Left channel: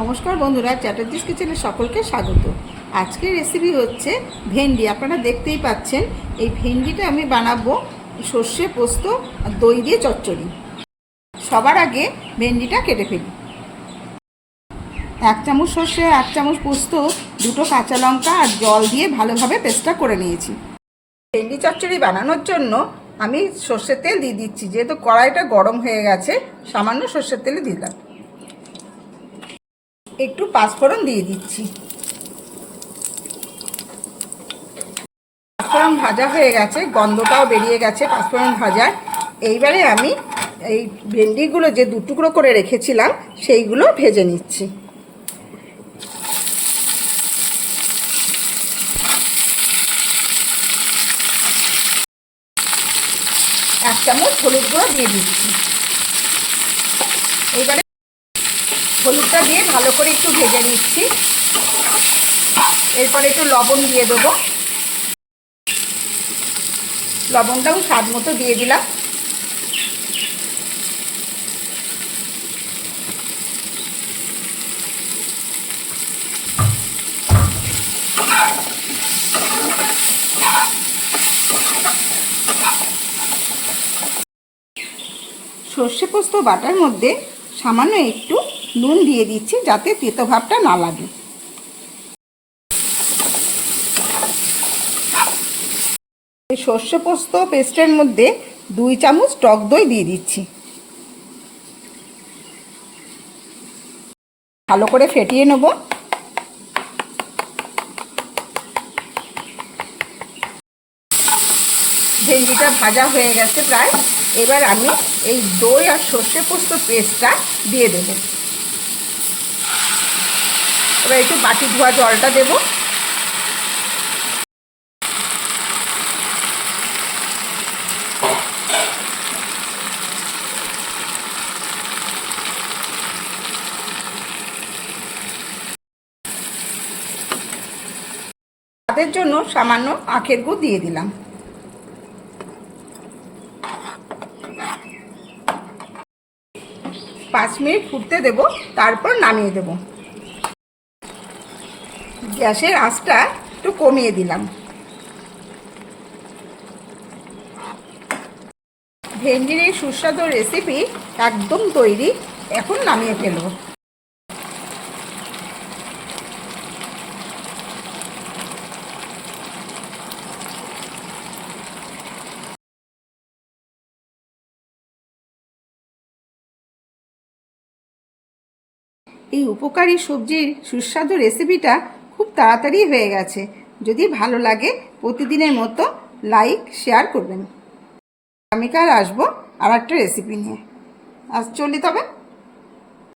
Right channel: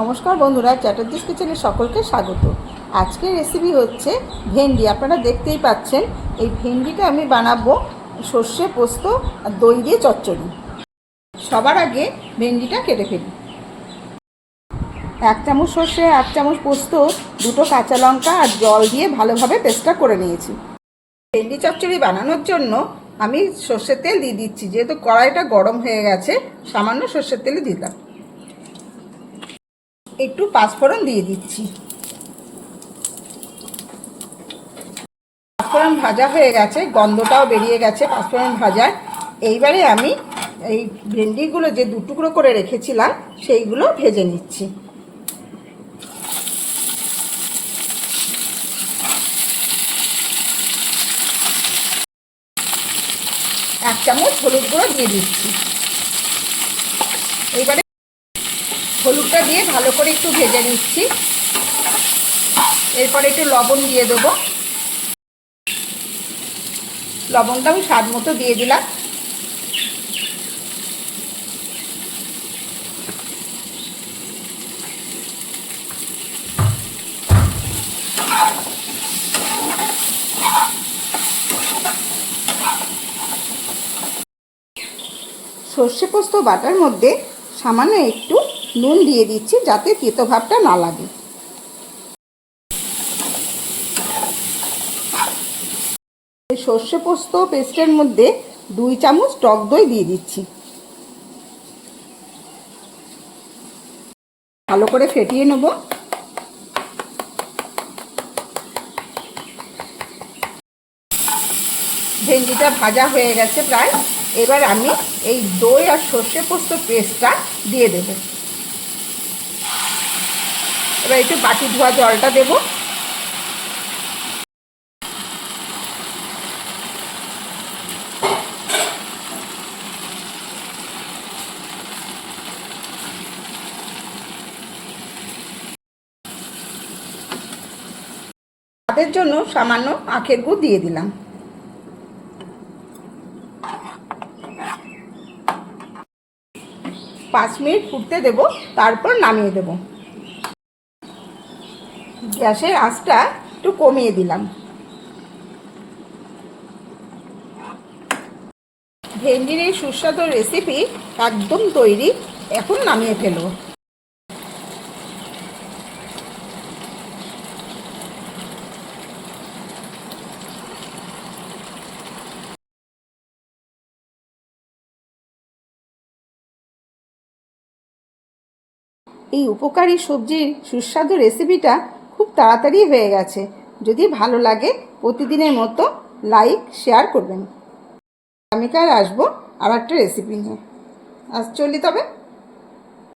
নমস্কার বন্ধুরা, চ্যাটার্জিস কিচেনে সকলকে স্বাগত। আজকের রেসিপি হচ্ছে ভেন্ডি। আপনারা দেখতেই পাচ্ছেন, এই ভেন্ডিটা আমি বানাবো সর্ষে পোস্ত আর দই দিয়ে চচ্চড়ি। সবার আগে ভেন্ডিটা কেটে ফেলি। 1 চামচ সর্ষে, 1 চামচ পোস্ত, 2টো কাঁচা লঙ্কা আর জল দিয়ে ভালোভাবে পেস্টটা করে নিয়েছি। ভেন্ডি চচ্চড়ি বানানোর জন্য আমি সর্ষের তেল দিয়ে দিচ্ছি। যেহেতু কড়াইটা গরম হয়ে গেছে, সামান্য সর্ষের তেলে দিলাম। একটু পাঁচফোড়ন দিয়ে দিচ্ছি। পাঁচফোড়ন ভাজা হয়ে গেছে, গন্ধটাও বেরিয়ে গেছে পাঁচফোড়ন ভাজার। এইবারে আমি এই ভেন্ডিগুলো যে 2 টুকরো করে রেখেছিলাম সেইগুলো ভেজে নিচ্ছি। এক চামচ হলুদ গুঁড়ো দিয়ে দিচ্ছি। এইবারে হলুদটা দিয়ে ভালো করে একটু ভেজে নিচ্ছি। এরপরে একটু লবণ দিয়ে দেবো। লবণটাও স্বাদ মতো দিয়ে দিলাম। সর্ষে পোস্ত বাটার মধ্যে সামান্য একটু নুন দিয়ে দিচ্ছি, যাতে তেতো ভাবটা না লাগে। সর্ষে পোস্ত পেস্টের মধ্যে 2 চামচ টক দই দিয়ে দিচ্ছি। ভালো করে ফেটিয়ে নেব। ভেন্ডিটা ভাজা হয়ে গেছে প্রায়। এবার আমি এই দই আর সর্ষে পোস্ত পেস্টটা দিয়ে দেব। এবার একটু বাটি ধোয়া জলটা দেব। তাদের জন্য সামান্য আখের গুড় দিয়ে দিলাম। পাঁচ মিনিট ফুটতে দেব, তারপর নামিয়ে দেব। গ্যাসের আঁচটা একটু কমিয়ে দিলাম। ভেন্ডির এই সুস্বাদু রেসিপি একদম তৈরি। এখন নামিয়ে ফেলব। এই উপকারী সবজির সুস্বাদু রেসিপিটা খুব তাড়াতাড়ি হয়ে গেছে। যদি ভালো লাগে প্রতিদিনের মতো লাইক শেয়ার করবেন। আগামীকাল আসবো আর একটা রেসিপি নিয়ে। আজ চলি তবে।